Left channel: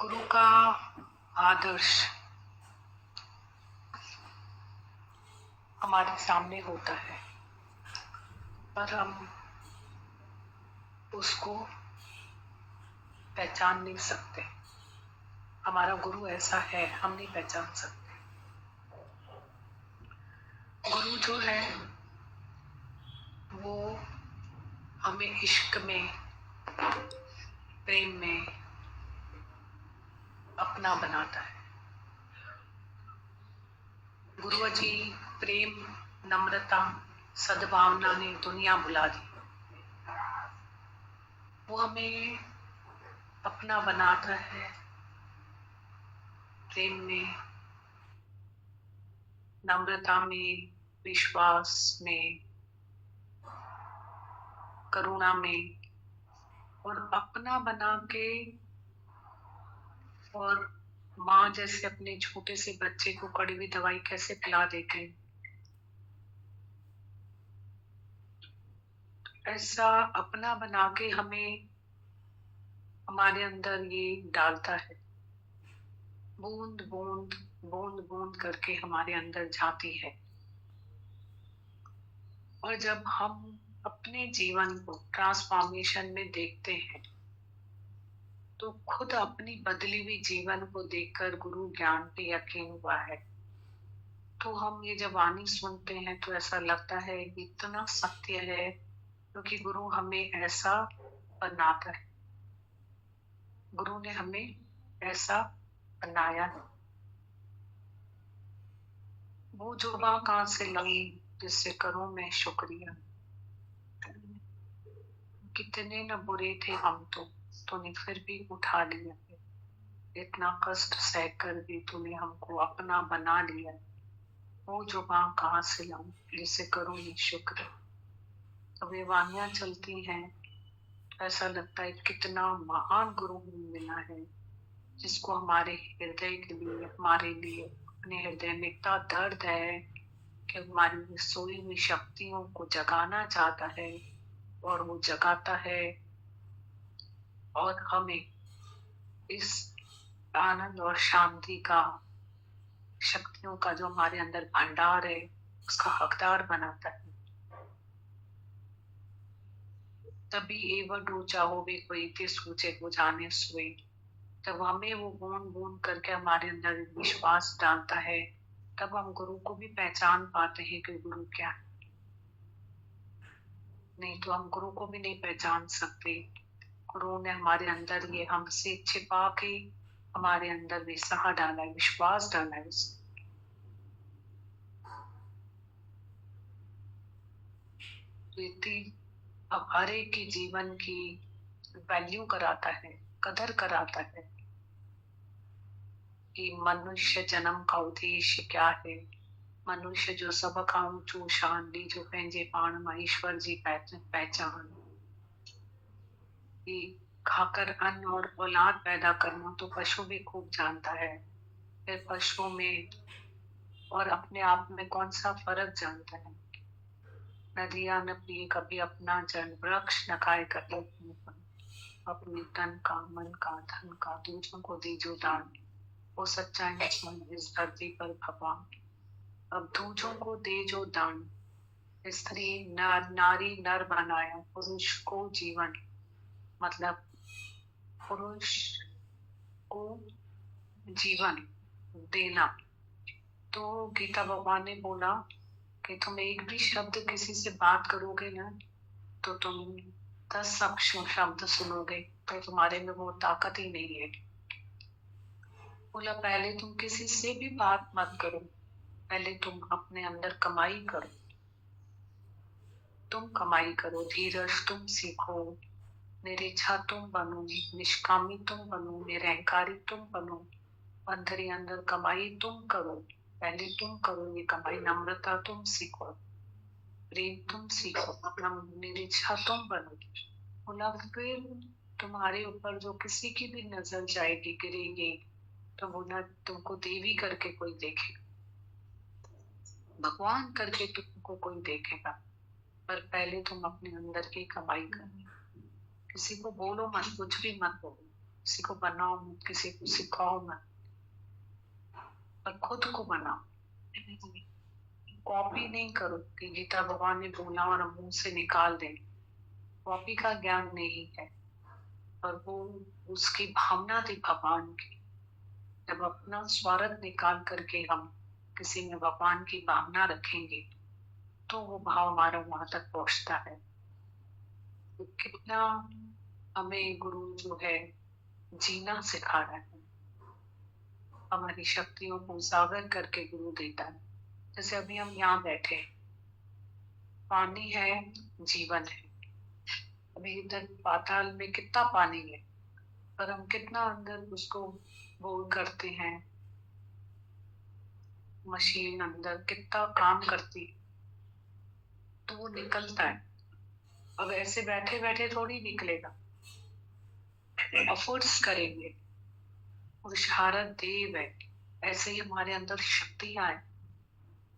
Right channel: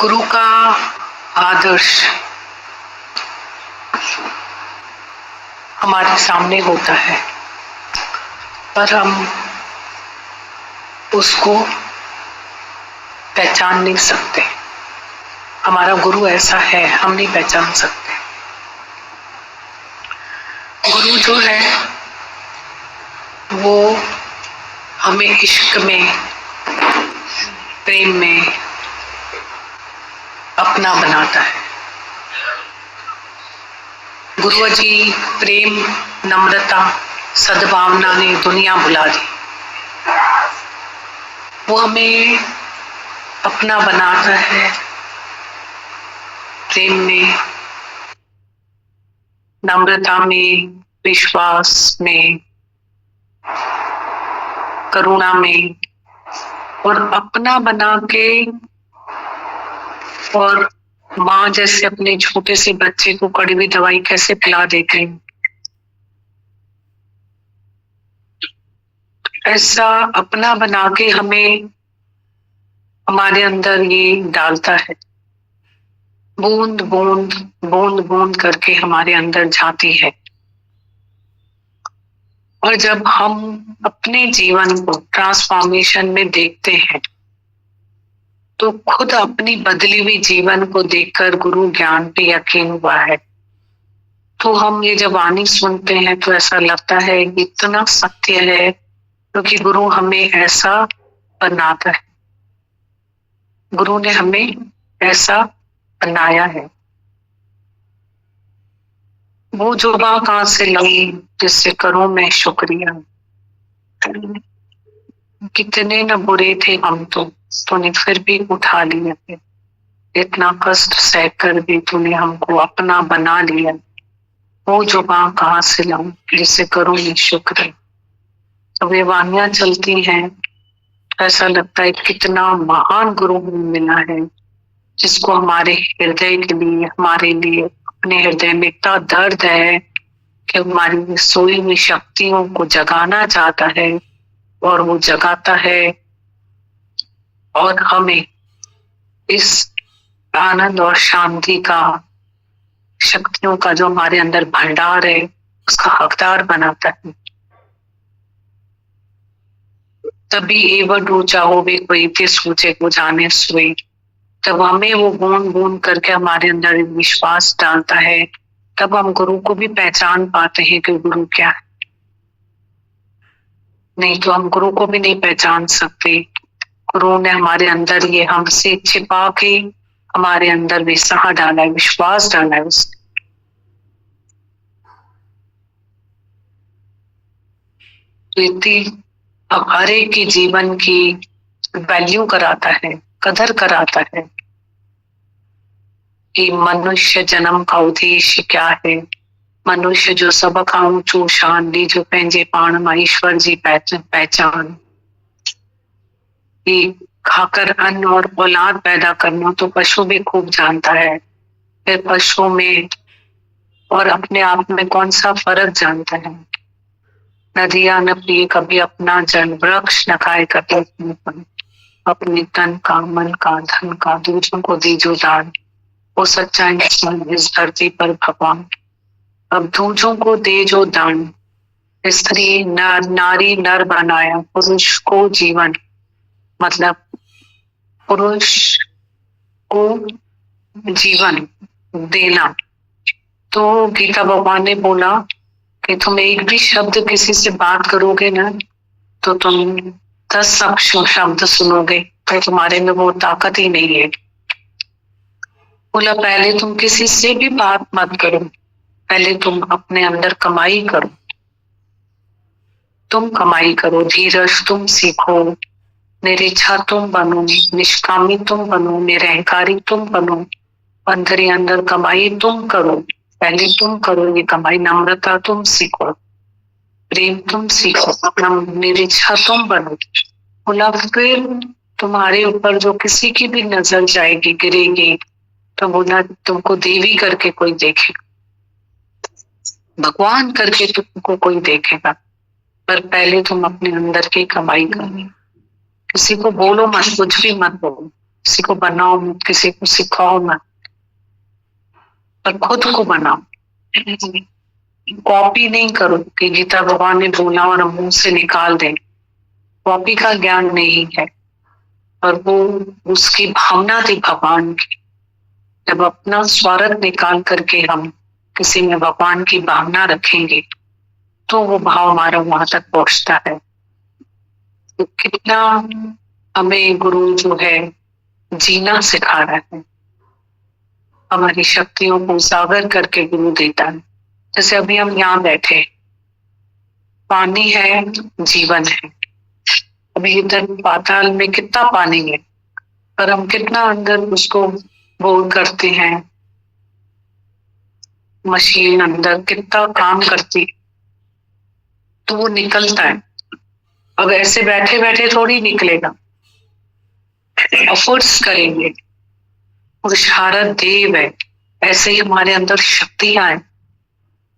गुरु का आदर्श हमारे सामने होता है, पर हम उसको पहचान नहीं सकते। हमारा गुरु ऐसा है, हम नहीं पहचान सकते। गुरु जो है वो हमें इश्क में, प्रेम में अपना बनाता है। गुरु जी प्रेम, नम्रता, सद्भावना ने दुनिया बुला दी। वो हमें अपना बनाता है, प्रेम में, नम्रता में, विश्वास में, करुणा में, और अपना बना के, और माँ जैसे अपने छोटे से बच्चे को कड़वी दवाई कैसे पिला देते हैं, ऐसा अपना बना के हमें हमारे अंदर ये डालता है। बूंद बूंद बूंद बूंद करके हमारे अंदर जाती है। और जब हम अपने जीवन को ट्रांसफॉर्मेशन में देखते हैं तो खुद अपनी बदली हुई जीवन को देखकर गुरु ज्ञान पे यकीन हुआ है। तो हम ये जब वाणी सुनते हैं तो ऐसा लगता है कि इतना सत्य है, क्योंकि गुरु हमें ऐसा बनाता है, गुरु ने हमें ऐसा बनाया है। वो जुबा कहाँ से लाई जिससे करूं मैं शुक्रिया। कितने न बुरे थे हम तो, तूने फिर भी उठा लिया है। इतना कष्ट सहकर भी तूने हमको अपना बना लिया। वो जुबा कहाँ से लाऊं जिससे करूं मैं शुक्र। अब ये वाणियां चलती हैं, ऐसा लगता है कितना महान गुरु हमें मिला है, जिसको हमारे हृदय के लिए, हमारे लिए अपने हृदय में इतना दर्द है कि हमारी सोई हुई शक्तियों को जगाना चाहता है, और वो जगाता है। और हमें इस आनंद और शांति का, शक्तियों का जो हमारे अंदर भंडार है, उसका हकदार बनाता है। तभी एवं ऊंचा हो वे कोई के सूचे को जाने सोई। जब हमें वो बूंद बूंद करके हमारे अंदर विश्वास डालता है, तब हम गुरु को भी पहचान पाते हैं कि गुरु क्या है। नहीं तो हम गुरु को भी नहीं पहचान सकते। गुरु ने हमारे अंदर ये हमसे छिपा के हमारे अंदर विश्वास डाला है, विश्वास डाला है उसने। अब हर एक की जीवन की वैल्यू कराता है, कदर कराता है कि मनुष्य जन्म का उद्देश्य क्या है। मनुष्य जो सब खां ऊंचो शान दी, जो पंहिंजे पाण मां ईश्वर जी पहचान। कि खाकर अन्न और औलाद पैदा करना तो पशु भी खूब जानता है, फिर पशु में और अपने आप में कौन सा फर्क जानता है। नदियां न पिए कभी अपना जल, वृक्ष न खाए कभी अपने फल। अपने तन का, मन का, धन का दूसरों को दीजो दान। वो सच्चा इंसान इस धरती पर भगवान। अब दूसरों को दे जो दान। स्त्री नर, नारी नर बनाया, पुरुष को जीवन, मतलब पुरुष को जीवन देना। तो गीता भगवान ने बोला कि तुम एक भी शब्द किसी से बात करोगे ना, तो तुम 10 शब्द सुनोगे, तो तुम्हारे में वो ताकत ही नहीं है। बोला पहले तुम किसी से भी बात मत करो, पहले तुम अपने अंदर कमाई करो। तुम कमाई करो, धीरज तुम सीखो, निरीच्छा तुम बनो, निष्कामी तुम बनो, निरहंकारी तुम बनो। अंदर अंदर कमाई तुम करो, पहले तुम करो ये कमाई। नम्रता तुम सीखो, प्रेम तुम सीखो, अपना निरीच्छा तुम बनो। बोला फिर तुम्हारे ऊपर जो किसी की भी नजर जाएगी, गिरेगी, तो बोला तुमको देवी करके कोई देखेगा, भगवान करके तुमको कोई देखेगा, पर पहले तुम अपने अंदर की कमाई करो। किसी को बोलो मत, कुछ भी मत बोलो, किसी को बनाओ मत, किसी को सिखाओ मत, पर खुद को बनाओ। कॉपी नहीं करो कि गीता भगवान ने बोला और हम मुंह से निकाल दें। कॉपी का ज्ञान नहीं है, पर वो उसकी भावना थी भगवान की। जब अपना स्वार्थ निकाल करके हम किसी में भगवान की भावना रखेंगे तो वो भाव हमारा वहां तक पहुंचता है। तो कितना हमें गुरु जो है जीना सिखा रहा है, हमारी शक्तियों को उजागर करके गुरु देता है। जैसे अभी हम यहाँ बैठे, पानी है, जीवन है। अभी इधर पाताल में कितना पानी है, पर हम कितना अंदर उसको बोर करते हैं। मशीन अंदर कितना काम करती तो वो निकलता है। अब ऐसे बैठे बैठे थोड़ी निकलेगा, एफर्ट्स करेंगे। पुरुषार्थ देव है, ऐसे ही हमारे अंदर शक्तियां हैं,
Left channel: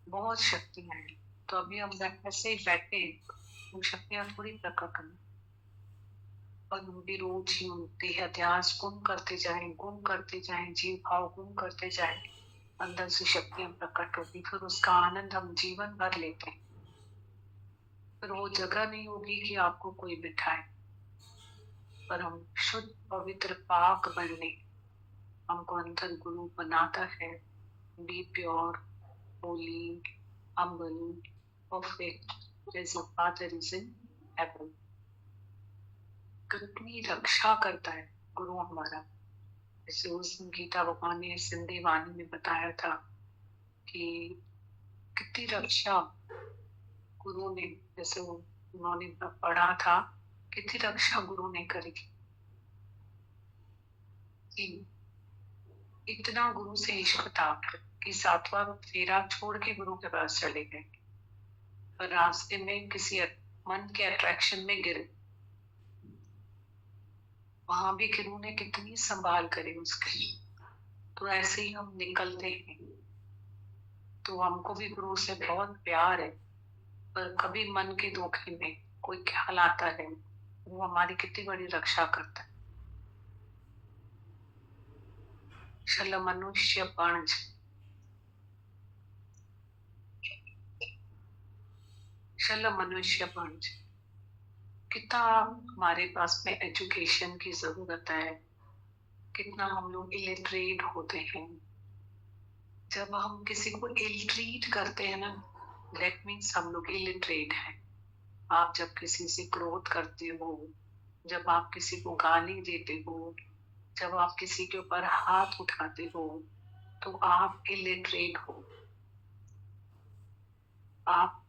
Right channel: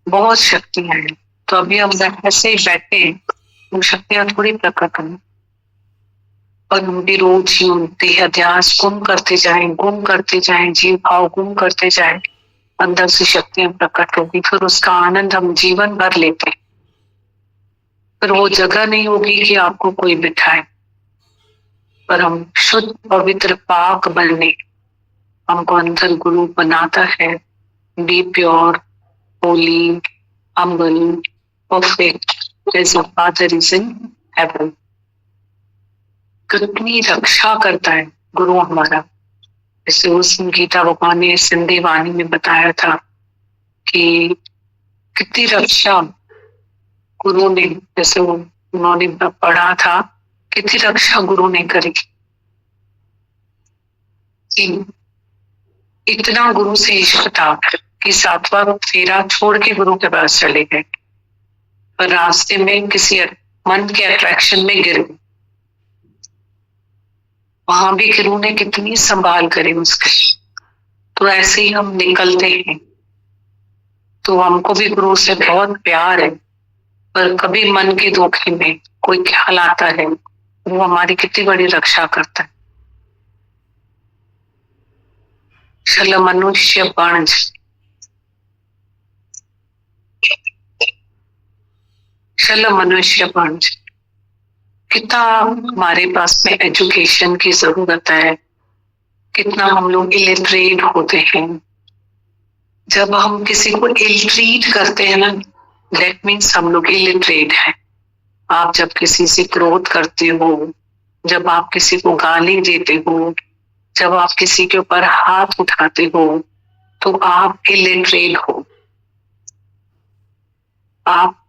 बहुत शक्तियां हैं। तो अभी हम ऐसे ही बैठे हैं, वो शक्तियां थोड़ी प्रकट हों, और हम भी रोज ही उनते अध्यास गुम करते जाएं, गुम करते जाएं, जीव भाव गुम करते जाएं, अंदर से शक्तियां प्रकट होगी। फिर उसका आनंद हम जीवन भर लेते हैं। फिर वो जगह नहीं होगी कि आपको कोई बिठाए, पर हम शुद्ध पवित्र पाक बनने, हमको अंदर गुरु बनाता है। Be pure, holy, humble, perfect as your father is in heaven। कितनी रक्षा करता है गुरु हमारा। जैसे उस गीता भगवान ने सिंधी वाणी में बताया था कि कितनी रक्षा गुरु ने, जैसे उन्होंने पढ़ा था, कितनी रक्षा गुरु ने करी। इतना गुरु से इश्क था कि 7वां फेरा छोड़ के गुरु के पास चले गए, पर रास्ते में किसी मन के अट्रैक्शन में गिर गए। वहां भी गुरु ने कितनी संभाल करी उसके। तो ऐसे ही हम निकलते हैं, तो हमको भी गुरु से बहुत प्यार है, पर कभी मन के धोखे में कोई ख्याल आता है, वो हमारी कितनी बड़ी रक्षा करता है। छल मनुष्य पंच, छल मनुष्य पंच। कितना हमारे पास में एजुकेशन की जरूरत है, कितना हम लोग इलिटरेट होते हैं। जब हम किसी को इलिटरेट करते हैं ना, दैट मीन्स हम लोग इलिटरेट हैं। आप जब किसी से क्रोध करते हो, जब आप किसी को गाली देते हो, जब आप किसी के ऊपर हाथ उठाते हो, तो आप इलिटरेट हो। आप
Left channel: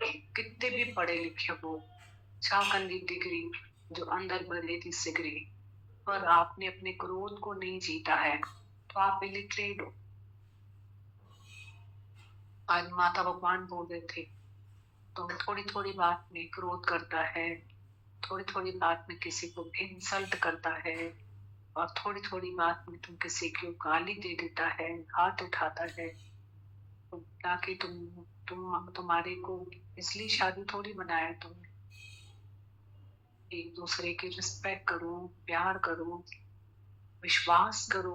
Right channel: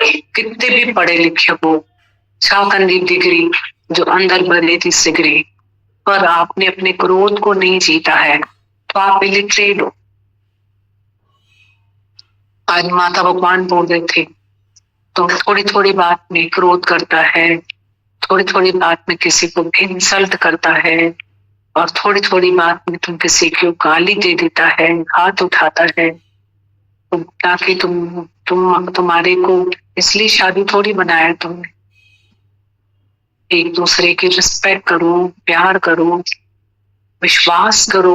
कितने भी पढ़े लिखे हो, छाकंदी डिग्री जो अंदर भरे थी सिगरी, पर आपने अपने क्रोध को नहीं जीता है, तो आप इलिटरेट हो। आज माता भगवान बोल रहे थे, तो थोड़ी थोड़ी बात में क्रोध करता है, थोड़ी थोड़ी बात में किसी को इंसल्ट करता है, और थोड़ी थोड़ी बात में तुम किसी को गाली दे देता है, हाथ उठाता है। ताकि तुम्हारे को इसलिए शादी थोड़ी बनाया तुमने। एक दूसरे की रिस्पेक्ट करो, प्यार करो, विश्वास करो।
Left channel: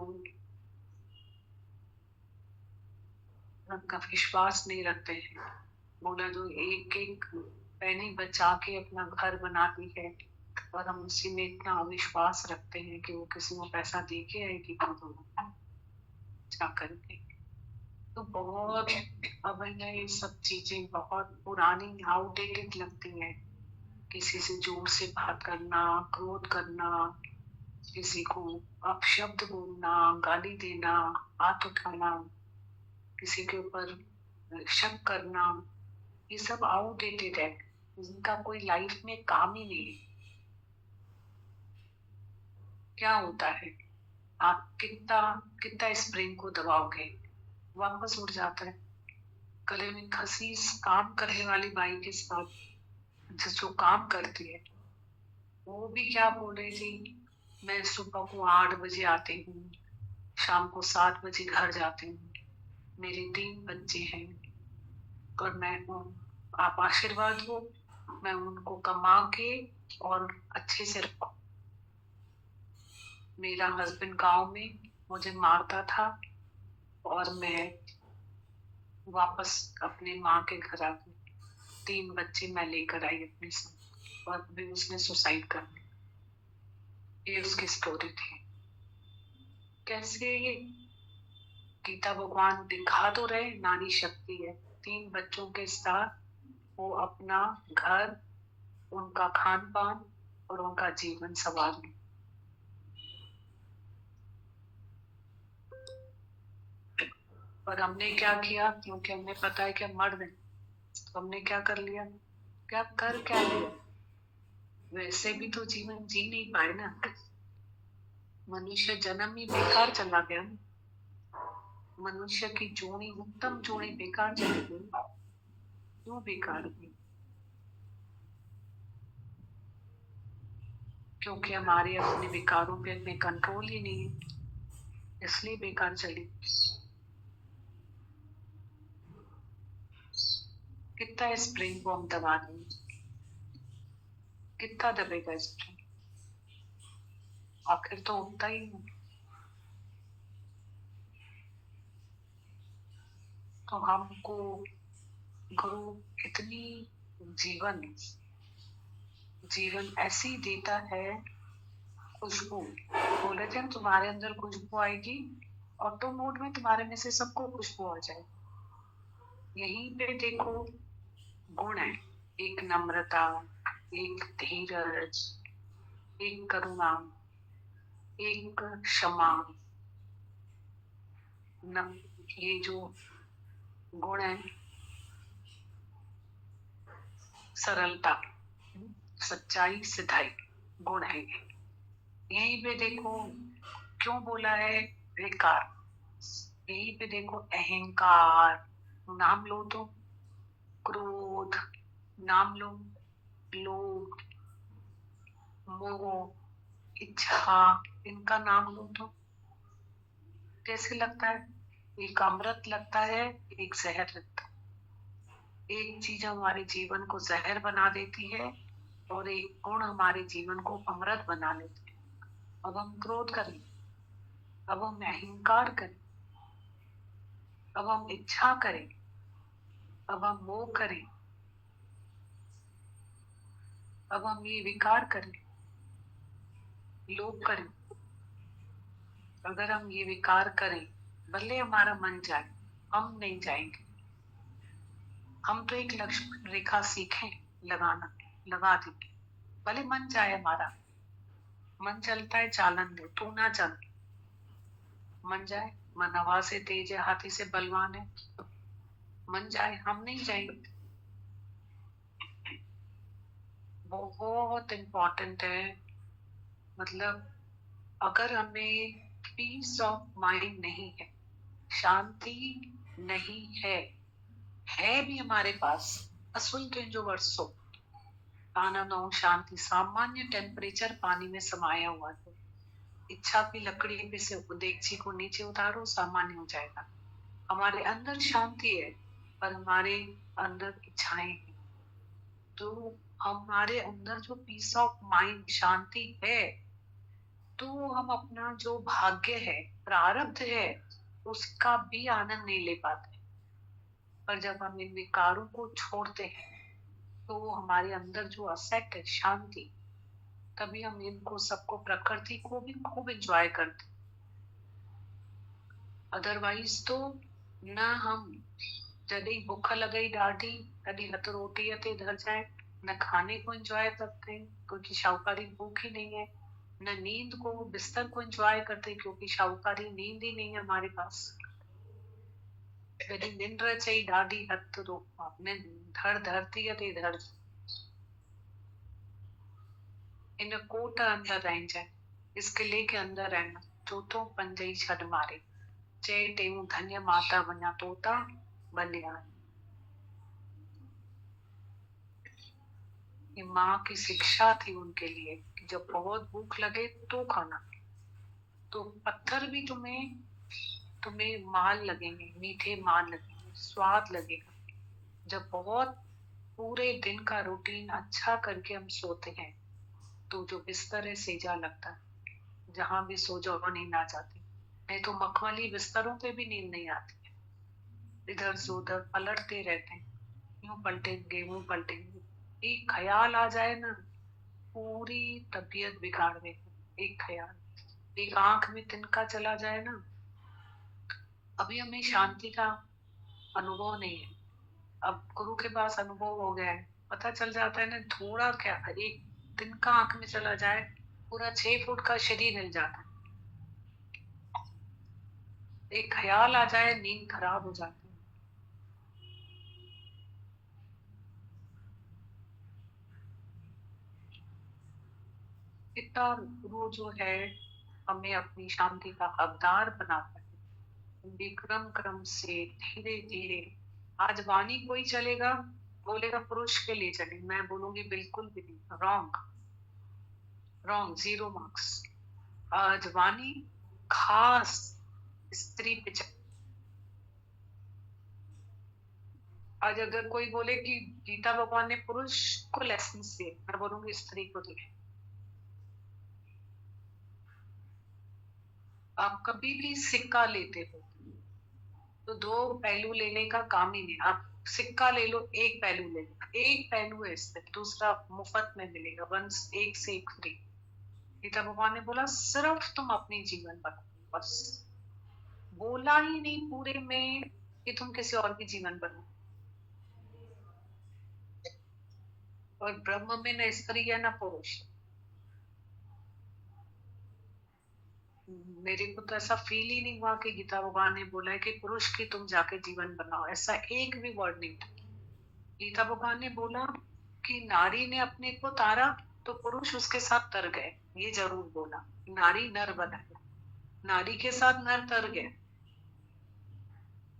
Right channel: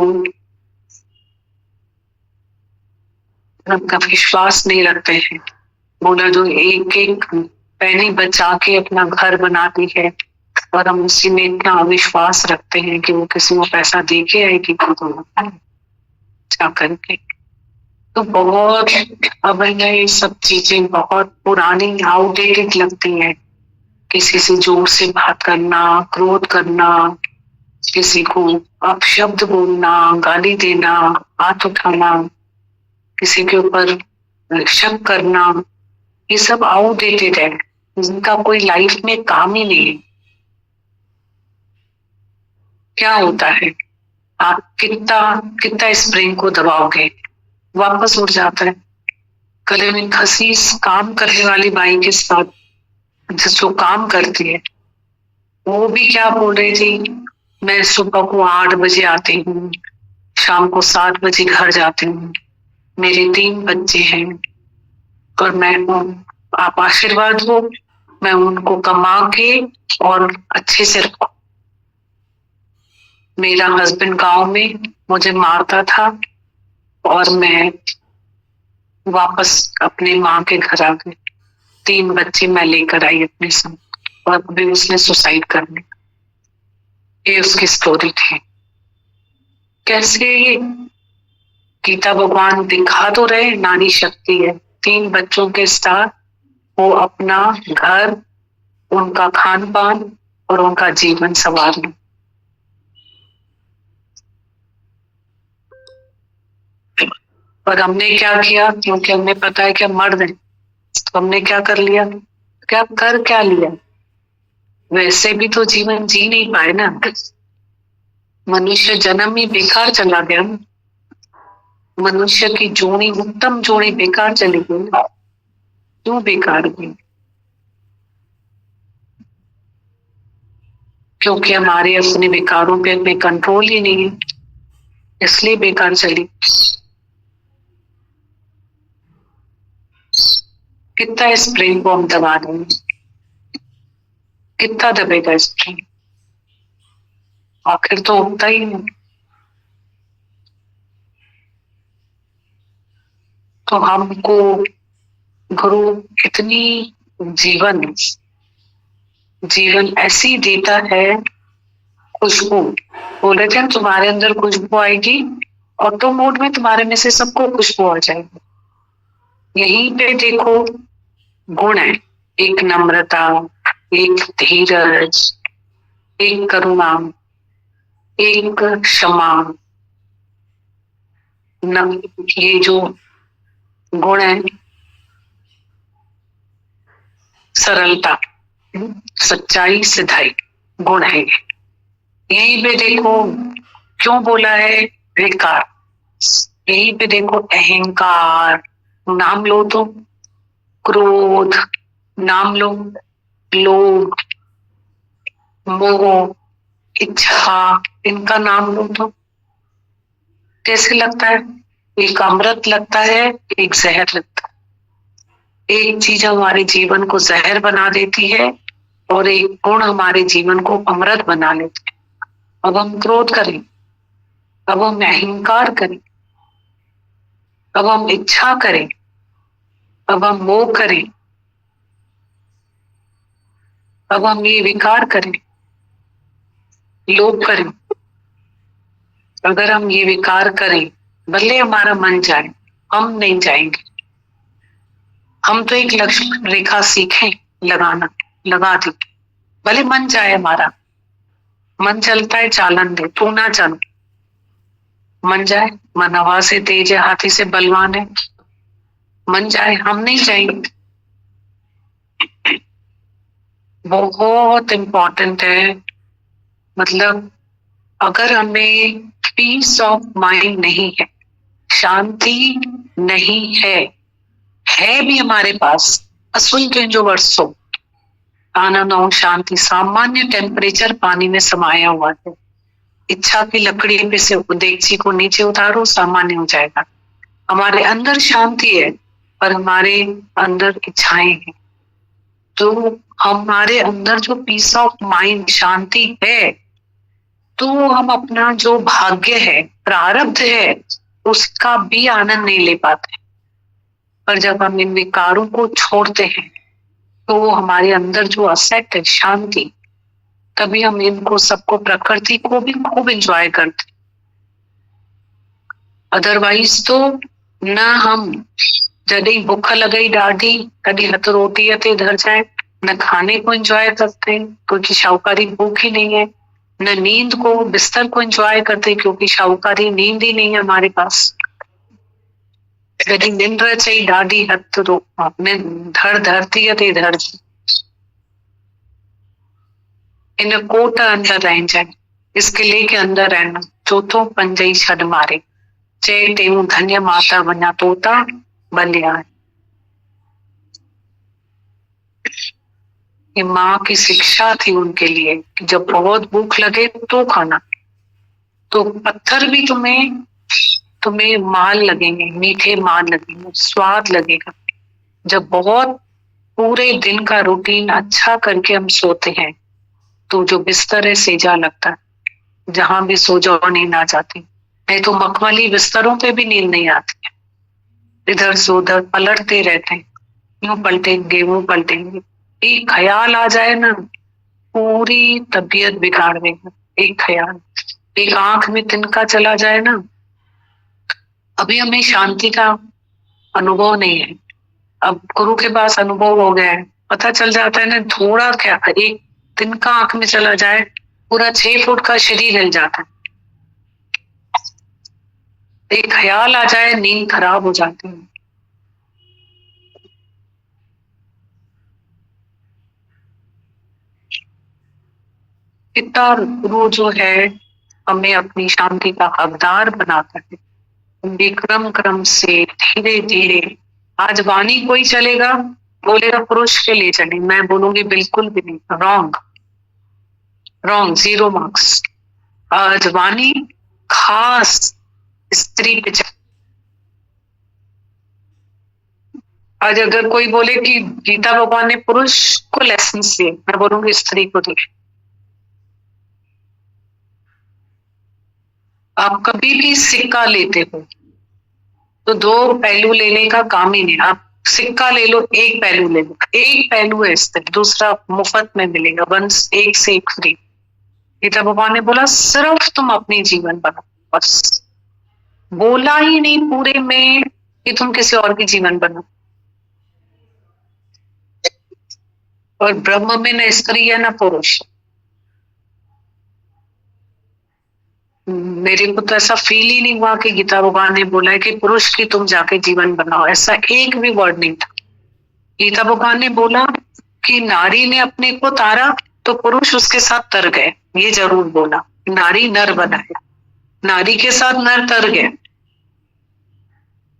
उनका विश्वास नहीं रखते हैं। बोला जो एक एक पैनी बचा के अपना घर बनाती है, और हम उसी में इतना अविश्वास रखते हैं कि वो किसी को पैसा दे के आएगी जा करके। तो बहुत अब ये सब चीजें बहुत पुरानी आउटडेटेड लगती हैं। किसी से जोर से बात करना, क्रोध करना, किसी को अपशब्द बोलना, गाली देना, हाथ उठाना, किसी के ऊपर शक करना, ये सब आउटडेटेड है, जिनका कोई लाइफ में काम ही नहीं है। क्या होता है, आप कितना कितना स्प्रिंग को दबाओगे, वापस उड़ जाता है। गले में खसीस काम करने वाली बाई के साथ जो काम करती है, वो भी क्या बोल रही थी, मैं सुबह को 8 बजे आती हूँ, शाम को 7 बजे घर जाती हूँ, मेरे 3 बच्चे हैं, और मैं आप आशीर्वाद हो, मैं उनको कमा के और अच्छे से रखूं। मेरा हस्बैंड गांव में मुझे मारता था और मैं वापस अपने माँ के घर आ गई। 3 बच्चे मैं लेकर आई अपने संग और अभी उसने सुसाइड कर लिया। ये उसकी स्टोरी थी। कैसे गीता भगवान दिखा तो रहे नारी शक्ति है। 3 बच्चों के साथ वो अपना घर, उनका खान पान और उनका जीवन संवारना। पर हमने क्या किया, क्योंकि हमें पता है कि हम मर्द हैं, तो हमने क्या कर लिया, क्या लिया। वैसे भी तो जीवन जी नहीं पाए ना, मनुष्य जन्म ही बेकार चला गया। मनुष्य की जोड़ी, उत्तम जोड़ी बेकार चली गई। क्यों बेकार गई? क्योंकि हमारे अपने विकारों पे में कंट्रोल ही नहीं है, इसलिए बेकार चली। कितना इस प्रेम को हम दबा देंगे, कितना दबेगा इस प्रेम, आखिर तो होता ही नहीं। तो हमको गुरु इतनी जीवन ऐसी देता है। खुशबू बोले थे, तुम्हारे अंदर खुशबू आएगी, ऑटो मोड में तुम्हारे में से सबको खुशबू आ जाएगी। यहीं पे देखो गुण है, एक नम्रता, एक धीरज, एक करुणा, एक क्षमा। ये जो गुण है, सरलता, सच्चाई, सिधाई, गुण है। यहीं पे देखो क्यों बोला है विकार। यहीं पे देखो अहंकार, नाम लो तो, क्रोध नाम लो, लोभ, मोह, इच्छा, इनका नाम लो तो कैसे लगता है? एक अमृत लगता है, एक जहर लगता है। एक चीज हमारे जीवन को जहर बना देती है और एक गुण हमारे जीवन को अमृत बना लेते हैं। अब हम क्रोध करें, अब हम अहंकार करें, अब हम इच्छा करें, अब हम मोह करें, अब हम ये विकार करें, लोभ करें। अगर हम ये विकार करें, भले हमारा मन जाए, हम नहीं जाएंगे। हम तो एक लक्ष्य रेखा सीखें लगाना, लगा दी, भले मन जाए हमारा। मन चलता है चालन दे, तू ना चल। मन जाए, मन हवा से तेज है, हाथी से बलवान है। मन जाए, हम नहीं जाएंगे। बहुत इम्पोर्टेंट है। मतलब अगर हमें पीस ऑफ माइंड नहीं है, शांति नहीं है भी हमारे पास असुल के जो वर्षों आनंद और शांति, सामान्य टेम्परेचर पानी में समाया हुआ है। इच्छा की लकड़ी पे से देगची को नीचे उतारो, सामान्य हो जाएगा। हमारे अंदर शांति है पर हमारे अंदर इच्छाएं हैं। तो हमारे अंदर जो पीस ऑफ माइंड, शांति है, तो हम अपना जो भाग्य है, प्रारब्ध है, उसका भी आनंद नहीं ले पाते। पर जब हम इन विकारों को छोड़ते हैं तो हमारे अंदर जो असेट है, शांति, तभी हम इनको सबको, प्रकृति को भी खूब एंजॉय करते। अदरवाइज तो ना हम जॾहिं भूख लगी ॾाढी, कभी हथ रोटी ते धर जाए, न खाने को एंजॉय करते क्योंकि शाहूकारी भूख ही नहीं है, न नींद को, बिस्तर को एंजॉय करते क्योंकि शाहूकारी नींद ही नहीं है हमारे पास। कभी निंद्र चाहिए ॾाढी, हथ रो धड़ धरती ते धर, इन कोट अंदर रह जाए, इस किले के अंदर रहना। चौथों पंजई छड़ मारे, चए टेऊ धन्य माता वना तोता बलिया। ये माँ की शिक्षा थी उनके लिए कि जब बहुत भूख लगे तो खाना। तो पत्थर भी तुम्हें माल लगेंगे, मीठे माल लगेंगे, स्वाद लगेगा। जब बहुत पूरे दिन का रूटीन अच्छा करके हम सोते हैं तो जो बिस्तर है सेजा लगता है। जहां भी सो जाओ नींद आ जाती, नहीं तो मखमली बिस्तरों पे भी नींद नहीं आती। इधर से उधर पलटते रहते हैं, यूं पलटेंगे वो पलटेंगे, एक ख्याल आ जाए ना पूरी तबीयत बिगाड़ देगा। एक ख्याल, एक आंख में तिनका चला जाए ना, अभी हमें शांति का अनुभव नहीं है, अब गुरु के पास अनुभव हो गया है, पता चल जाता है ना, थोड़ा क्या एक तिनका आंख में चला जाए पूरा 6 फुट का शरीर हिल जाता है। एक ख्याल आ जाए नींद खराब हो जाती है। इतना गुरु जो है हमें अपनी शांति का हकदार बनाता है, विक्रम क्रम से धीरे धीरे। आज वाणी कोई चलेगा बोलेगा पुरुष के लिए चले, मैं बोलूंगी बिल्कुल भी नहीं, रॉन्ग रॉन्ग, 0 मार्क्स। आज वाणी खास स्त्री पे चले। आज अगर कोई बोले कि गीता भगवान ने पुरुष को लेसन दिए, मैं बोलूंगी स्त्री को दिए। आप कभी भी सिक्का लेते हो तो 2 पहलू लेने का काम ही नहीं। आप सिक्का ले लो, एक पहलू ले लो, एक पहलू है स्थिर, दूसरा मुफ्त में मिलेगा, वंस एक से एक फ्री। गीता भगवान ने बोला सिर्फ तुम अपनी जीवन बनाओ, बस। बोला ही नहीं पूरे में कि तुम किसी और की जीवन बनाओ। और ब्रह्म में न स्त्री है न पुरुष। मेरे को तो ऐसा फील ही नहीं हुआ कि गीता भगवान ने बोला है कि पुरुष की तुम जाके जीवन बनाओ, ऐसा एक भी वर्ड नहीं था। गीता भगवान ने बोला कि नारी ने अपने को तारा तो पुरुष उसके साथ तर गए, ये जरूर बोला। नारी नर बनाया, नारी के साथ नर तर गए।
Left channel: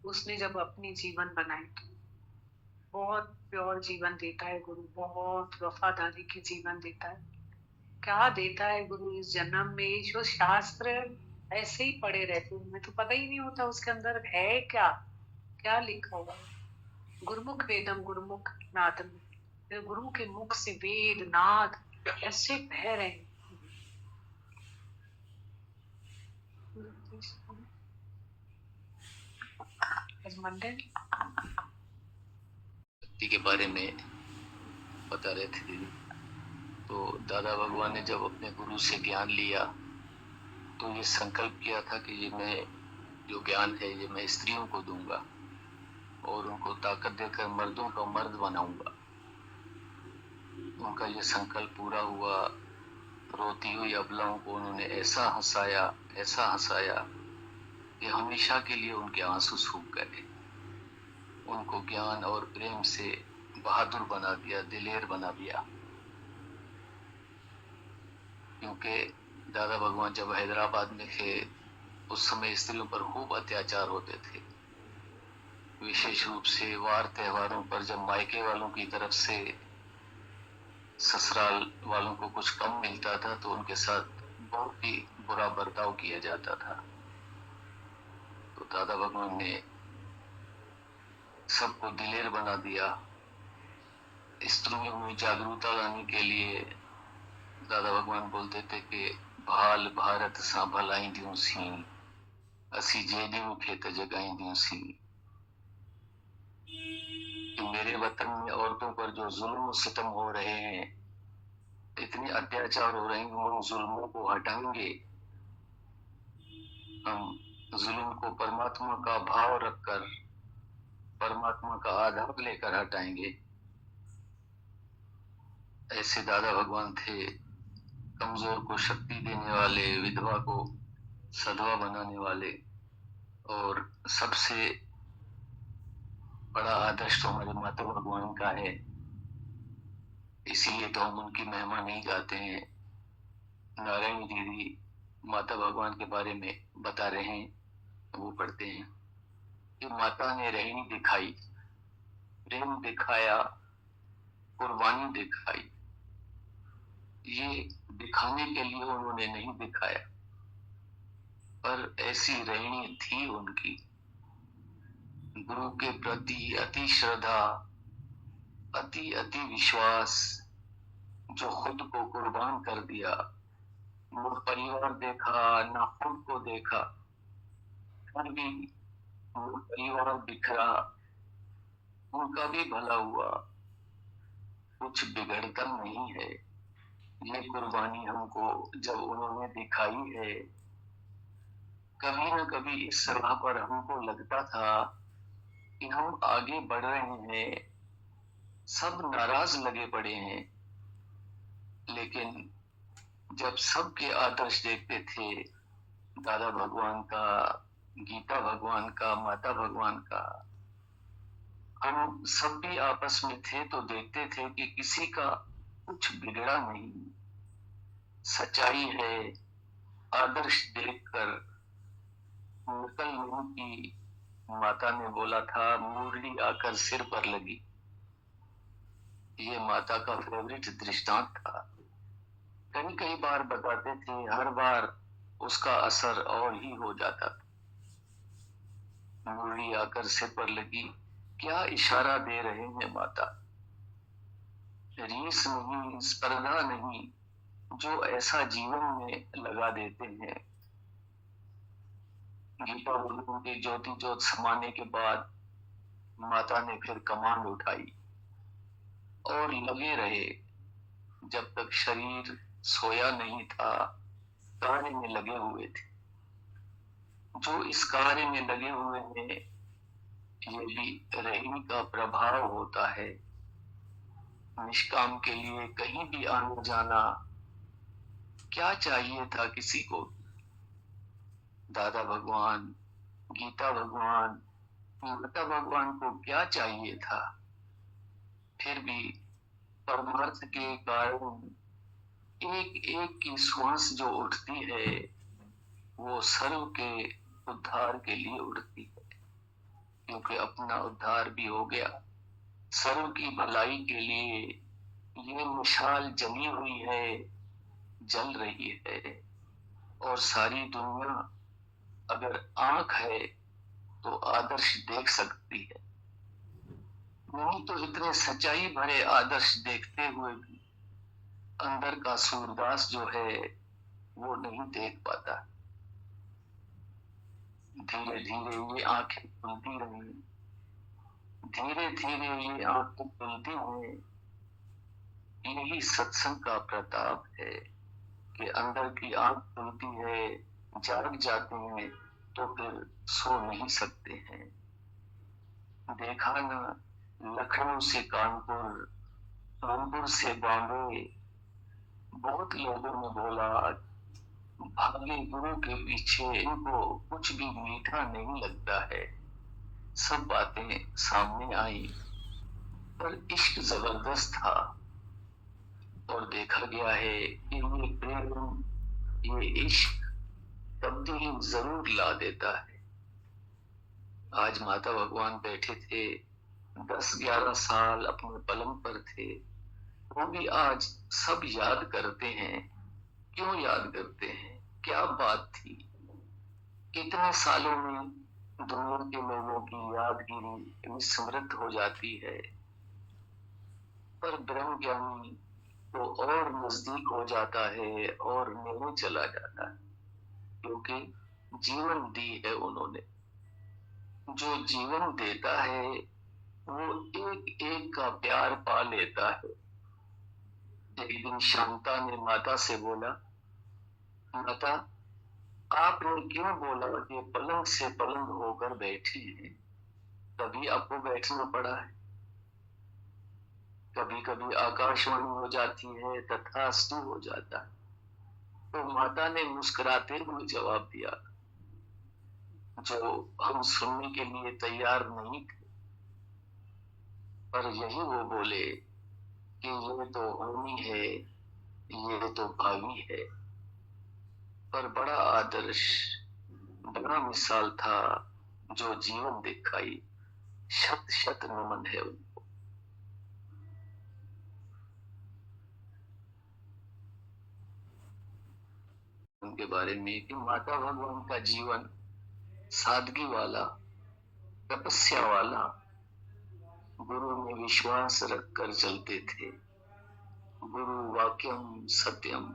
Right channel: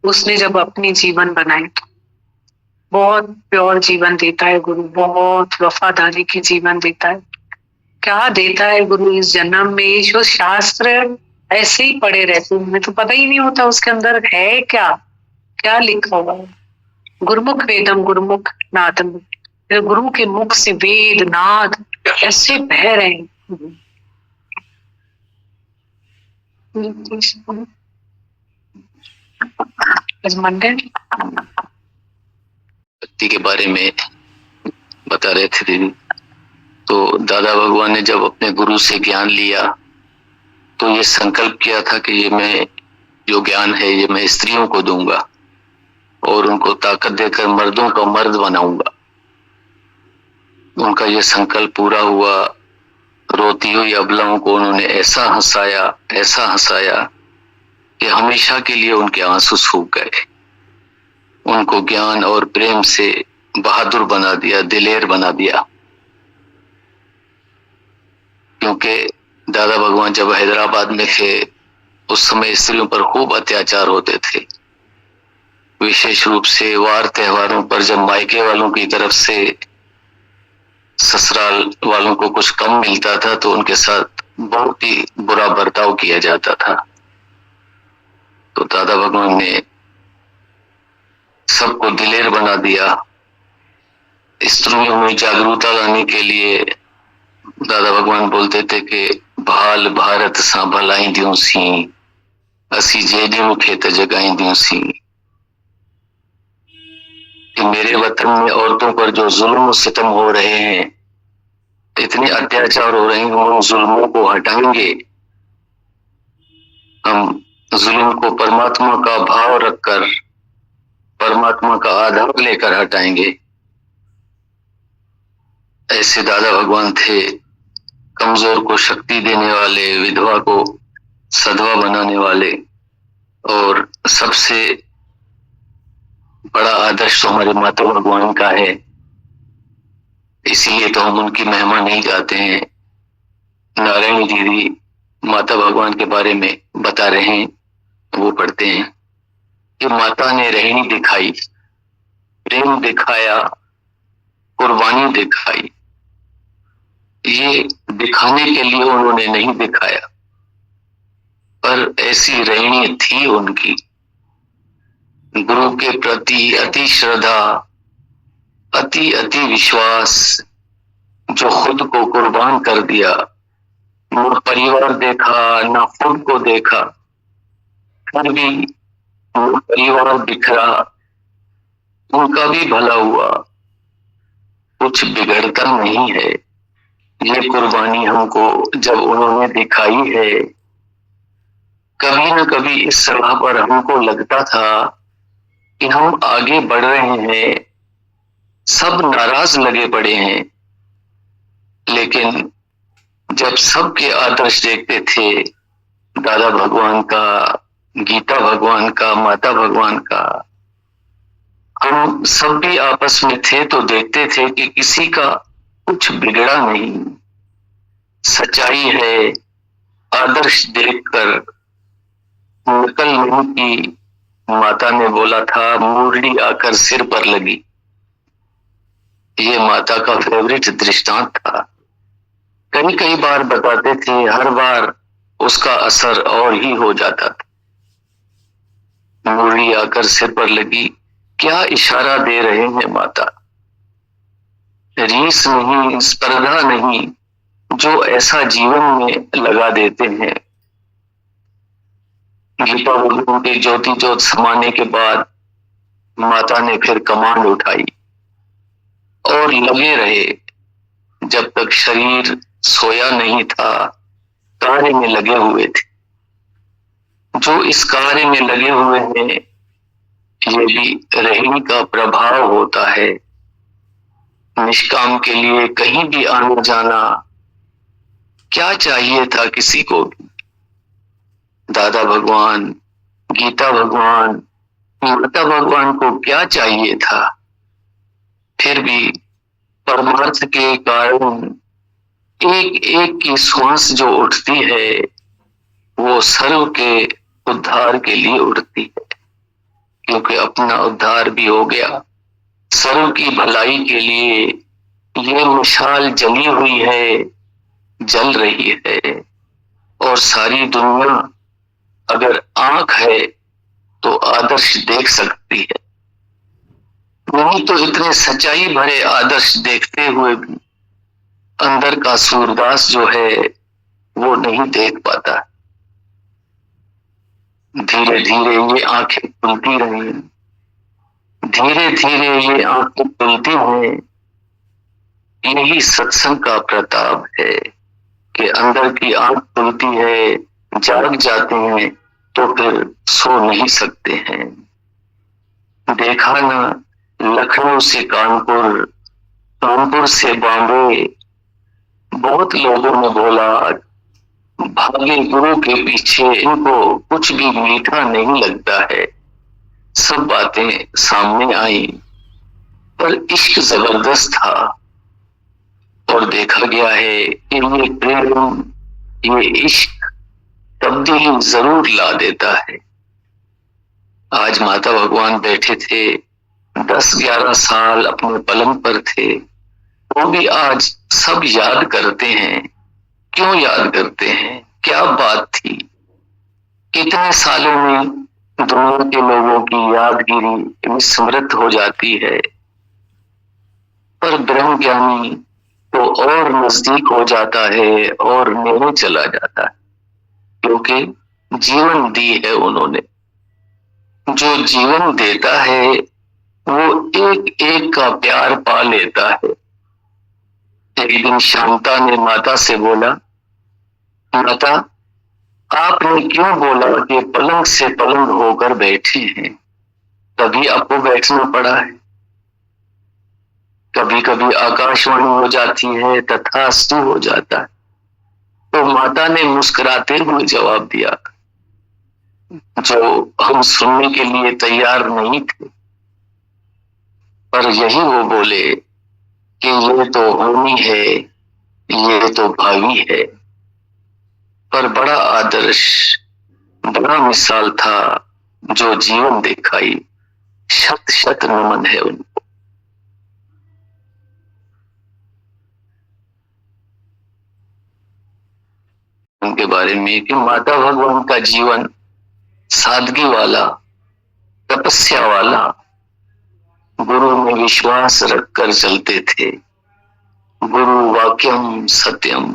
उसने जब अपनी जीवन बनाई तो बहुत प्योर जीवन देता है गुरु, बहुत वफादारी की जीवन देता है। क्या देता है गुरु इस जन्म में, जो शास्त्र ऐसे ही पढ़े रहते हैं, हमें तो पता ही नहीं होता उसके अंदर है क्या क्या लिखा हुआ है। गुरुमुख वेदम गुरुमुख नादम, गुरु के मुख से वेद नाद ऐसे बह रहे हैं। भक्ति के बारे में बता रहे थे दीदी, तो दादा भगवान ने जब अपने गुरु से ज्ञान लिया तो ये संकल्प किया था कि ये मैं जो ज्ञान है ये मैं स्त्रियों को दूंगा और उनको ताकत देकर मर्दों का मर्द बनाऊंगा। उनका ये संकल्प पूरा हुआ। रोती हुई अबलाओं को उन्होंने ऐसा हंसाया कि हमेशा के लिए उनके आंसू सूख गए। उनको ज्ञान और प्रेम से बहादुर बना दिया, दिलेर बना दिया। क्योंकि दादा भगवान जब हैदराबाद में थे उस समय स्त्रियों पर खूब अत्याचार होते थे, विशेष रूप से वार त्योहारों पर जब मायके वालों की तरफ से ससुराल वालों को कुछ कम मिलता था तो उनके साथ बहुत ही बुरा बर्ताव किया जाता था। तो दादा भगवान ने सबको दिलेर बना दिया। स्त्रियों में जागरूकता लाने के लिए दादा भगवान बोलते थे कि भाल भारत सा भलाई दियों सी, असी जेडियों खेत जगाई दियों सी। कि मेरे वतन में औरतों पर जो जुल्म सितम हो रहे हैं, इतने अत्याचार हो रहे हैं, हम उन जुल्मों को हटाएंगे। हम जुल्म को परमात्मा का भाव रखकर, परमात्मा का आधार लेकर हटाएंगे। ऐसे दादा भगवान थे, कमजोर को शक्ति देने वाले, विधवा को सधवा बनाने वाले। और सबसे बड़ा आदर्श तो हमारे माता भगवान का है, इसीलिए तो हम उनकी महिमा नहीं गाते हैं। नारायणी दीदी माता भगवान के बारे में बता रहे हैं, वो पढ़ते हैं कि माता ने रहनी दिखाई, प्रेम दिखाया, कुर्बानी दिखाई। ये दिखाने के लिए उन्होंने नहीं दिखाया, पर ऐसी रहनी थी उनकी। गुरु के प्रति अति श्रद्धा, अति विश्वास, जो खुद को कुर्बान कर दिया, न परिवार देखा, न खुद को देखा, फिर भी वो परिवार बिखरा, उनका भी भला हुआ, कुछ बिगड़ता नहीं है। ये कुर्बानी हमको जब उन्होंने दिखाई है, कभी न कभी इस सलाह पर हमको लगता था कि हम आगे बढ़ रहे हैं, सब नाराज लगे पड़े हैं, लेकिन जब सबके आदर्श देखते थे, दादा भगवान का, गीता भगवान का, माता भगवान का, हम सब भी आपस में थे तो देखते थे कि किसी का कुछ बिगड़ा नहीं, सच्चाई है। आदर्श देखकर नकल नहीं की। माता ने बोला था, मुरली आकर सिर पर लगी। ये माता का फेवरेट दृष्टांत था। कई कई बार बताते थे, हर बार उसका असर और ही हो जाता था। मुरली आकर सिर पर लगी, क्या इशारा दे रहे हैं माता। रीस नहीं, स्पर्धा नहीं, जो ऐसा जीवन में लगा देते हैं। गीता भगवान के ज्योति ज्योत समाने के बाद माता ने फिर कमान उठाई और लगे रहे, जब तक शरीर सोया नहीं था, कार्य में लगे हुए थे। जो इस कार्य में लगे हुए हैं, ये भी रहने का प्रभाव होता है। निष्काम के लिए कहीं भी आना जाना, क्या चाहिए था किसी को भी। दादा भगवान, गीता भगवान, माता भगवान को क्या चाहिए था, फिर भी परमार्थ के कारण एक एक की श्वास जो उठती है, वो सर्व के उद्धार के लिए उठती है, क्योंकि अपना उद्धार भी हो गया। सर्व की भलाई के लिए ये मिसाल जली हुई है, जल रही है, और सारी दुनिया अगर आंख है तो आदर्श देख सकती है। नहीं तो इतने सच्चाई भरे आदर्श देखते हुए भी अंदर का सूरदास जो है वो नहीं देख पाता। धीरे धीरे ये आंखें खुलती रही, धीरे धीरे ये आंखें खुलती हैं। यही सत्संग का प्रताप है कि अंदर की आंख खुलती है, जाग जाते हैं तो फिर सो नहीं सकते हैं। देखा ना, लखनऊ से कानपुर, कानपुर से बॉम्बे, बहुत लोगों ने बोला भागे गुरु के पीछे, इनको कुछ भी मीठा नहीं लगता है। सब बातें सामने आई, पर इश्क जबरदस्त था, और देखा गया है कि ये प्रेम, ये इश्क तब्दीली जरूर ला देता है। आज माता भगवान बैठे थे, 10-11 साल अपने पलंग पर थे, वो भी आज सब याद करते हैं। क्यों याद करते हैं? क्या बात थी? कितने सालों में दुनिया के लोगों की यादगिरी विस्मृत हो जाती है, पर ब्रह्म ज्ञानी तो और नजदीक हो जाता है और नेड़े चला जाता है, क्योंकि जीवन दी है उन्होंने। जो जीवन देता है वो एक एक का प्यार पा लेता है। एक दिन शांता ने माता से बोला, माता आपने क्यों बोला कि पलंग से पलंग होकर बैठे हैं? कभी आपको बैठना पड़ा है, कभी कभी आकाशवाणी हो जाती है, तथास्तु हो जाता है। तो माता ने मुस्कुराते हुए जवाब दिया, जो हम सुनने के लिए तैयार नहीं थे, पर यही वो बोले कि ये तो होनी है, ये तो भावी है। पर बड़ा आदर्श, बड़ा मिसाल था जो जीवन दिखाई। शत शत नमन है उनको। उनके बारे में कि माता भगवान का जीवन सादगी वाला, तपस्या वाला, गुरु में विश्वास रखकर चलते थे। गुरु वाक्यम सत्यम,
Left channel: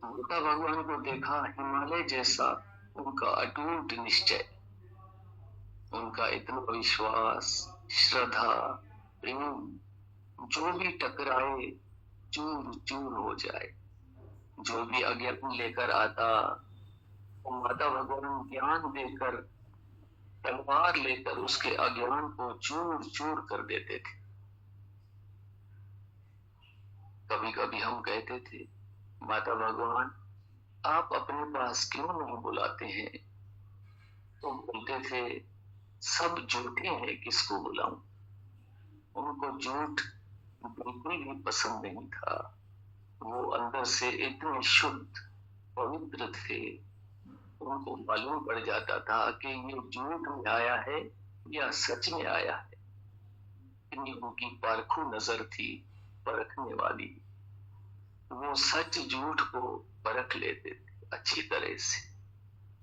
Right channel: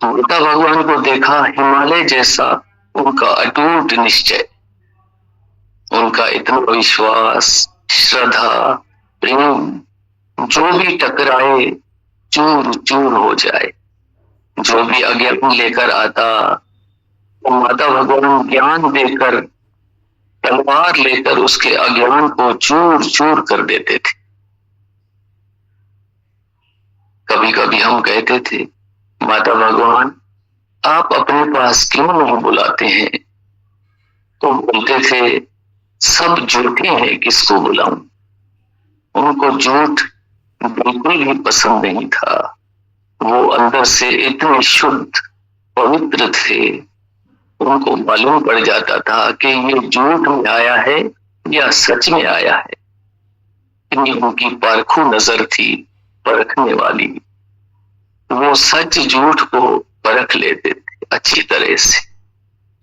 माता भगवान को देखा हिमालय जैसा उनका अटूट निश्चय, उनका इतना विश्वास, श्रद्धा, प्रेम, जो भी टकराए चूर चूर हो जाए। जो भी अज्ञान लेकर आता, माता भगवान ज्ञान देकर, तलवार लेकर उसके अज्ञान को चूर चूर कर देते थे। कभी कभी हम कहते थे, माता भगवान आप अपने पास क्यों नहीं बुलाते हैं? तो बोलते थे, सब झूठे हैं, किसको बुलाऊं? उनको झूठ बिल्कुल भी पसंद नहीं था। वो अंदर से इतने शुद्ध पवित्र थे, उनको मालूम पड़ जाता था कि ये झूठ में आया है या सच में आया है। इतनी उनकी पारखू नजर थी, परखने वाली। वो सच झूठ को परख लेते थे अच्छी तरह से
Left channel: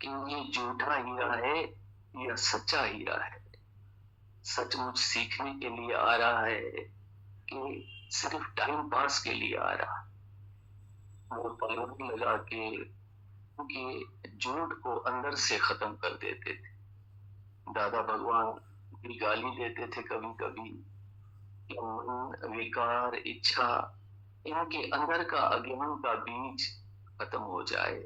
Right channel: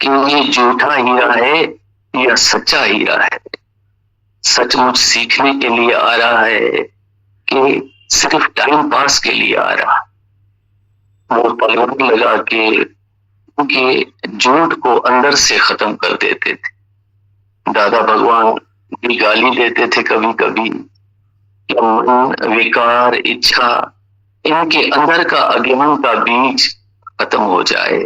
कि ये झूठा हीरा है या सच्चा हीरा है, सचमुच सीखने के लिए आ रहा है कि सिर्फ टाइम पास के लिए आ रहा। वो तलवार लगा के उनके झूठ को अंदर से खत्म कर देते थे। दादा भगवान भी गाली देते थे कभी कभी कि मन, विकार, इच्छा, इनके अंदर का अज्ञान का बीज खत्म हो जाए।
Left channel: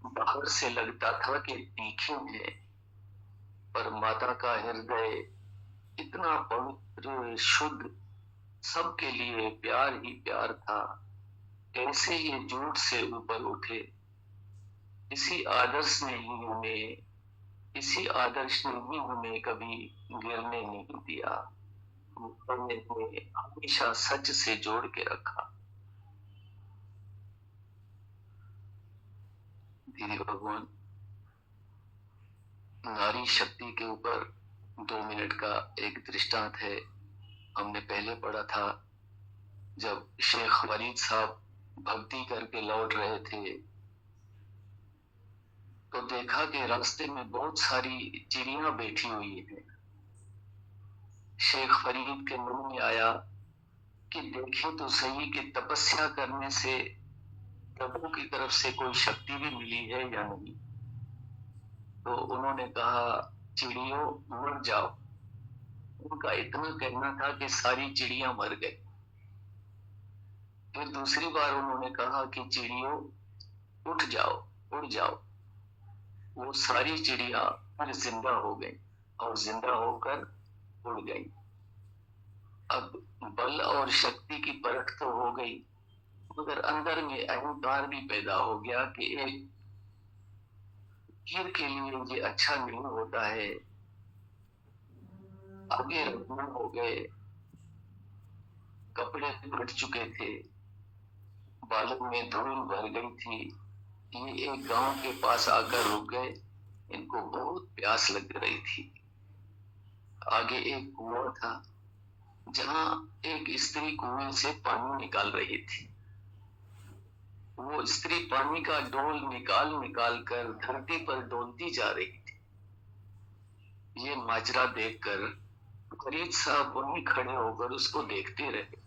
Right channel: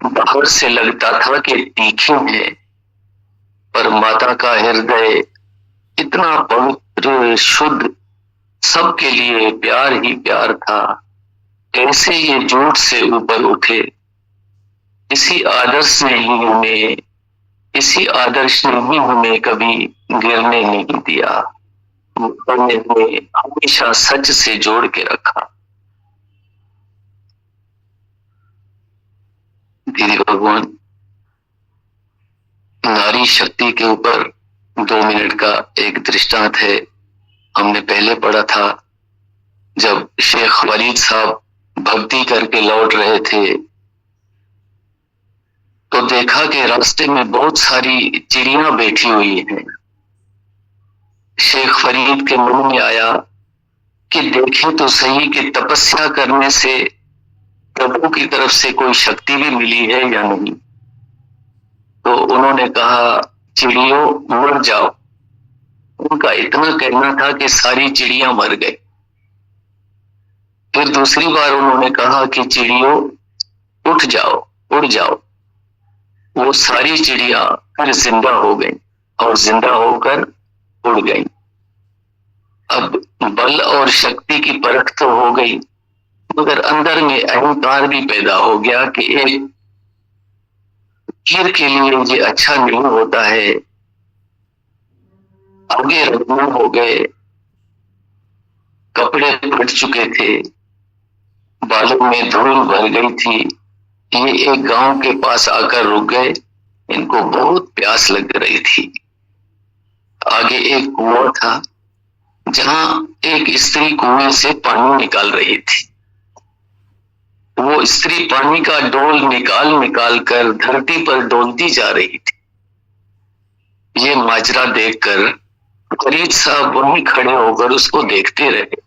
बाहर से लगता था कि तीखे हैं, पर माता का हृदय इतना पवित्र, शुद्ध, सबके लिए प्यार ही प्यार था। कैसे ये झूठ से ऊपर उठे? इसी आदर्श ने ही हमें, इसी आदर्श ने ही हमें कभी गिरने नहीं दिया। ने हमें हमेशा सच से जोड़ के रखा। दीदी भगवान नारी शक्ति के ऊपर 2 मिनट का एक दृष्टांत है। हमने पहले पढ़ा था, जब शेख वलीद साहब भक्ति करके लौट रहे थे तो देखा कि रास्ते में बहुत सारी चिड़िया बैठी हुई हैं। शेख फरीद के मन में आया कि देखें तो सही कि तपस्या करने से प्रभु की तरफ से कोई शक्ति भी मिली है या नहीं। तो उन्होंने कहा, चिड़ियों मर जाओ। उनका इतना कहना था कि सारी चिड़िया मर गई। फिर दूसरी बार उन्होंने कहा कि चिड़ियों उठ जाओ, उड़ जाओ। वो सारी चिड़िया फिर जिंदा हो गई और जिंदा होकर उड़ गई। अब बल और शक्ति की परख तो हो गई, मगर अंदर में अहंकार भी पैदा हो गया कि एक कीर के लिए ये अच्छा नहीं होता है। आगे रवाना हो गए, कपड़े फट चुके थे, बालों में धूल भर गई थी। ये एक गांव के पास आकर रुक गए। इनको बहुत प्यास लग रही थी। आगे एक कुआं था जहां एक स्त्री कुएं से पानी निकाल रही थी। वो स्त्री पानी का डोल निकाल निकाल कर धरती पर डोलती जा रही थी। ये माजरा देखकर फरीद साहब वहीं खड़े होकर उसको देखते रहे।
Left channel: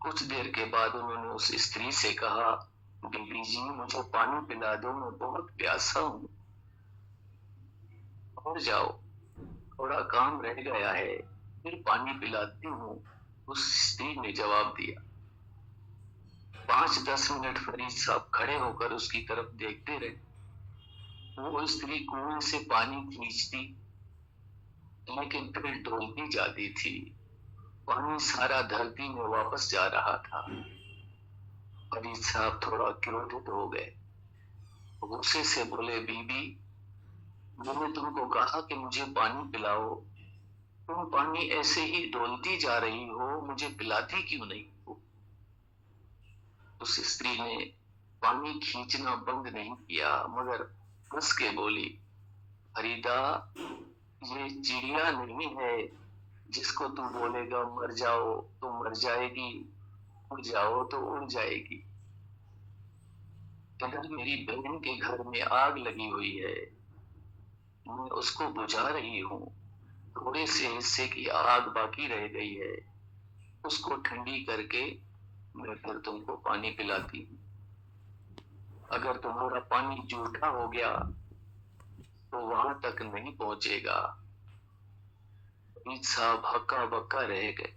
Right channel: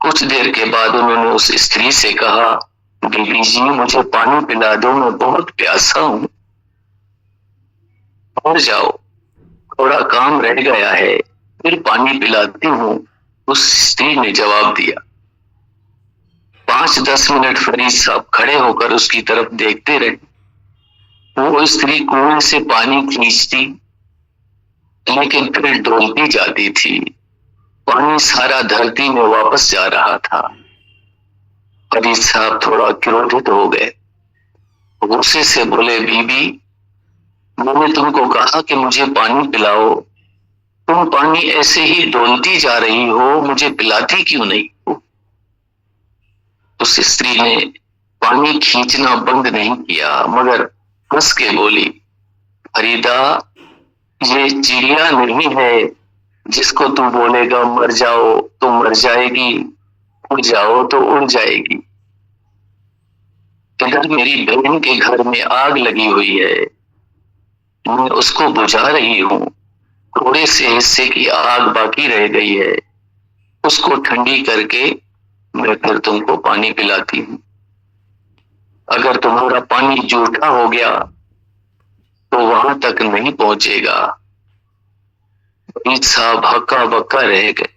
कुछ देर के बाद उन्होंने उस स्त्री से कहा, बीबी जी मुझे पानी पिला दो, मैं बहुत प्यासा हूं। और जाओ, थोड़ा काम रह गया है, फिर पानी पिलाती हूं, उस स्त्री ने जवाब दिया। 5-10 मिनट फरीद साहब खड़े होकर उसकी तरफ देखते रहे। वो स्त्री कुएं से पानी खींचती लेकिन फिर डोलती जाती थी। पानी सारा धरती में वापस जा रहा था। फरीद साहब थोड़ा क्रोधित हो गए। गुस्से से बोले, बीबी मैंने तुमको कहा कि मुझे पानी पिलाओ, तुम पानी ऐसे ही डोलती जा रही हो, मुझे पिलाती क्यों नहीं हो? उस स्त्री ने पानी खींचना बंद नहीं किया, मगर हंस के बोली, फरीदा ये चिड़िया नहीं है जिसको तू बोलेगा मर जाओ तो मर जाएगी, उड़ जाओ तो उड़ जाएगी। इधर मेरी बहन के घर में आग लगी हुई है, मैं उसको बुझा रही हूँ। थोड़े से हिस्से की आग बाकी रह गई है, उसको ठंडी करके मैं फिर तुमको पानी पिलाती हूँ। अगर तुम्हारा पानी जूठा हो गया तो वहां तक नहीं पहुंचेगा। फरीद साहब हक्का बक्का रह गए,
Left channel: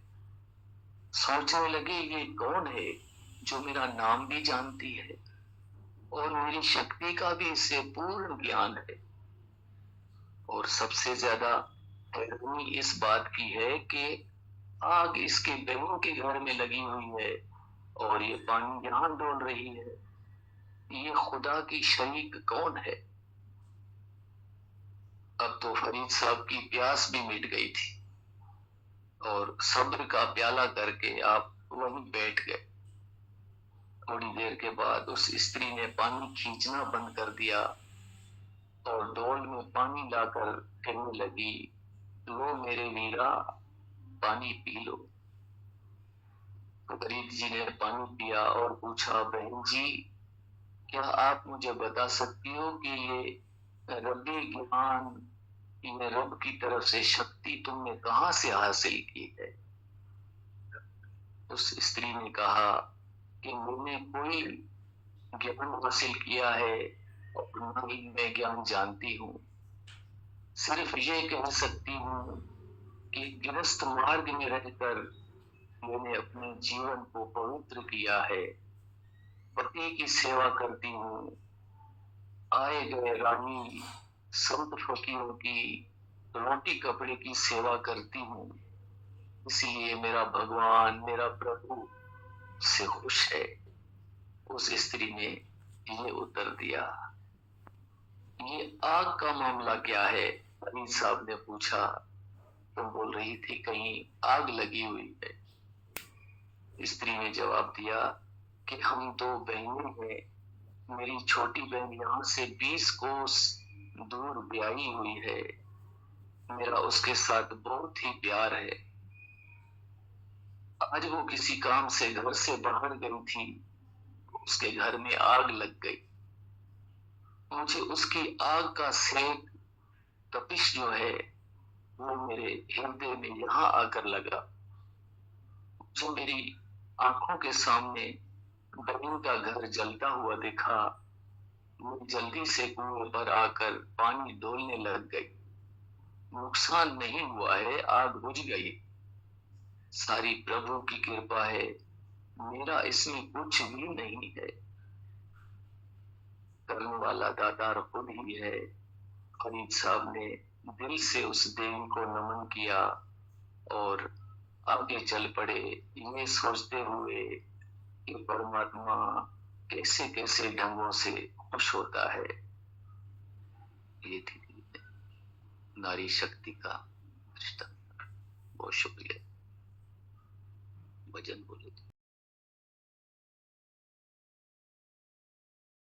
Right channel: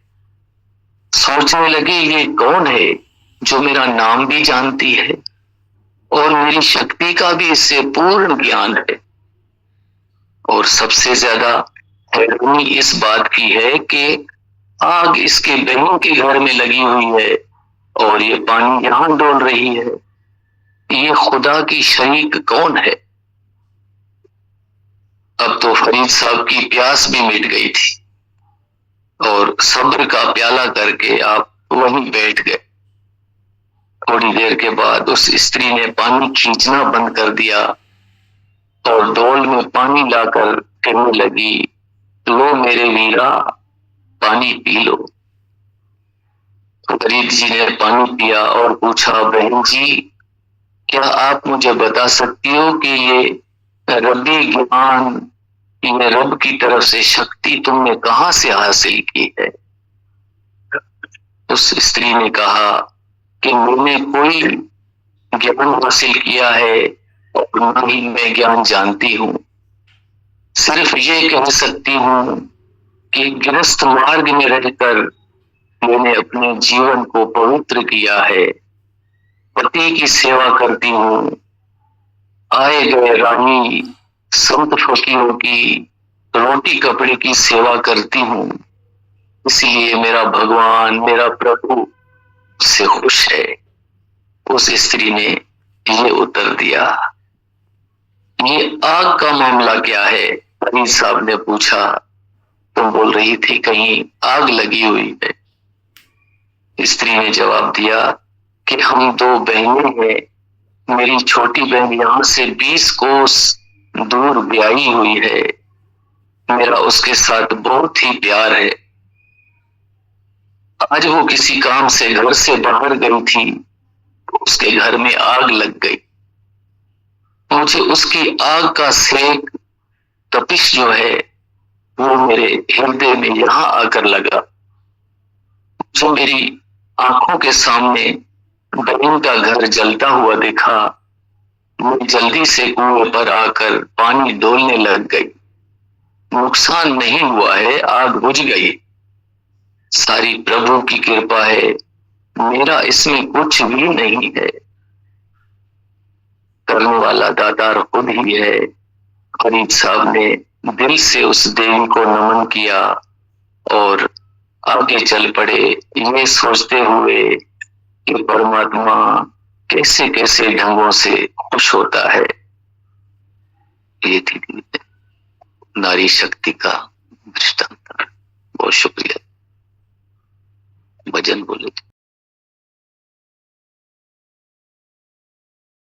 सोचने लगे ये कौन है जो मेरा नाम भी जानती है और मेरी शक्ति का भी इससे पूर्ण ज्ञान है। और सबसे ज्यादा हैरानी इस बात की है कि आग इसके बहन के घर में लगी हुई है और ये पानी यहां डोल रही है। ये खुदा की शरीक कौन है? अब तो फरीद साहब की प्यास भी मिट गई थी और सब्र का प्याला करके आप वहीं बैठ गए। थोड़ी देर के बाद उस स्त्री ने पानी खींचना बंद कर दिया और डोल में पानी लाकर कहने लगी, लो मेरे वीरा, पानी पी लो। फरीद जी ने पानी पिया और पूछा, बहन जी, क्या आप मुझे बता सकती हो कि ये रब्बी ज्ञान, ये रब की तरफ से शक्ति तुमने कहां से हासिल की है? उस स्त्री ने कहा कि मैंने कोई ज्ञान हासिल किया है और न ही मैं ज्ञान जानती हूँ। सिर्फ ये कह सकती हूँ कि गृहस्थ मार्ग में रहकर मैंने अपने जीवन को पवित्र किया है। पति की सेवा करती हूँ, आए गए रानी संत फकीरों की रोटी कपड़े की सेवा करती हूँ, इसलिए मेरा भगवान, मेरा प्रभु उससे खुश है। उस स्त्री ने ये उत्तर दिया। ये आग का मामला क्या है? फरीद साहब ने पूछा। तुम बोल रही थी कहीं आग लगी हुई है। स्त्री ने जवाब दिया कि हम दो बहनें हैं। मेरी छोटी बहन यहाँ से 20 कोस दूर ब्याही हुई है। मेरा उसके साथ बहुत ही प्यार है। आज वो किसी काम से घर से बाहर गई थी, उसके घर में आग लग गई। मुझे उसकी आग का सेक, तपिश जो है, वो मेरे हृदय में यहां आकर लगा। जो मेरी आंखों के सामने बहन का घर जलता हुआ दिखा, मैं जल्दी से कुएं पर आकर पानी डोलने लग गई। नुकसान नहीं हुआ है, आग बुझ गई। सारी प्रभु की कृपा है, मेरा इसमें कुछ भी नहीं है। करने वाला दातार खुद ही है। फरीद साहब ने दिल से उस देवी को नमन किया और आगे चल पड़े, ये सोचते हुए कि परमात्मा कैसे कैसे ढंगों से खुश होता है। ये थी नारी शक्ति का दृष्टांत। बहुत शुक्रिया। भजन बोले।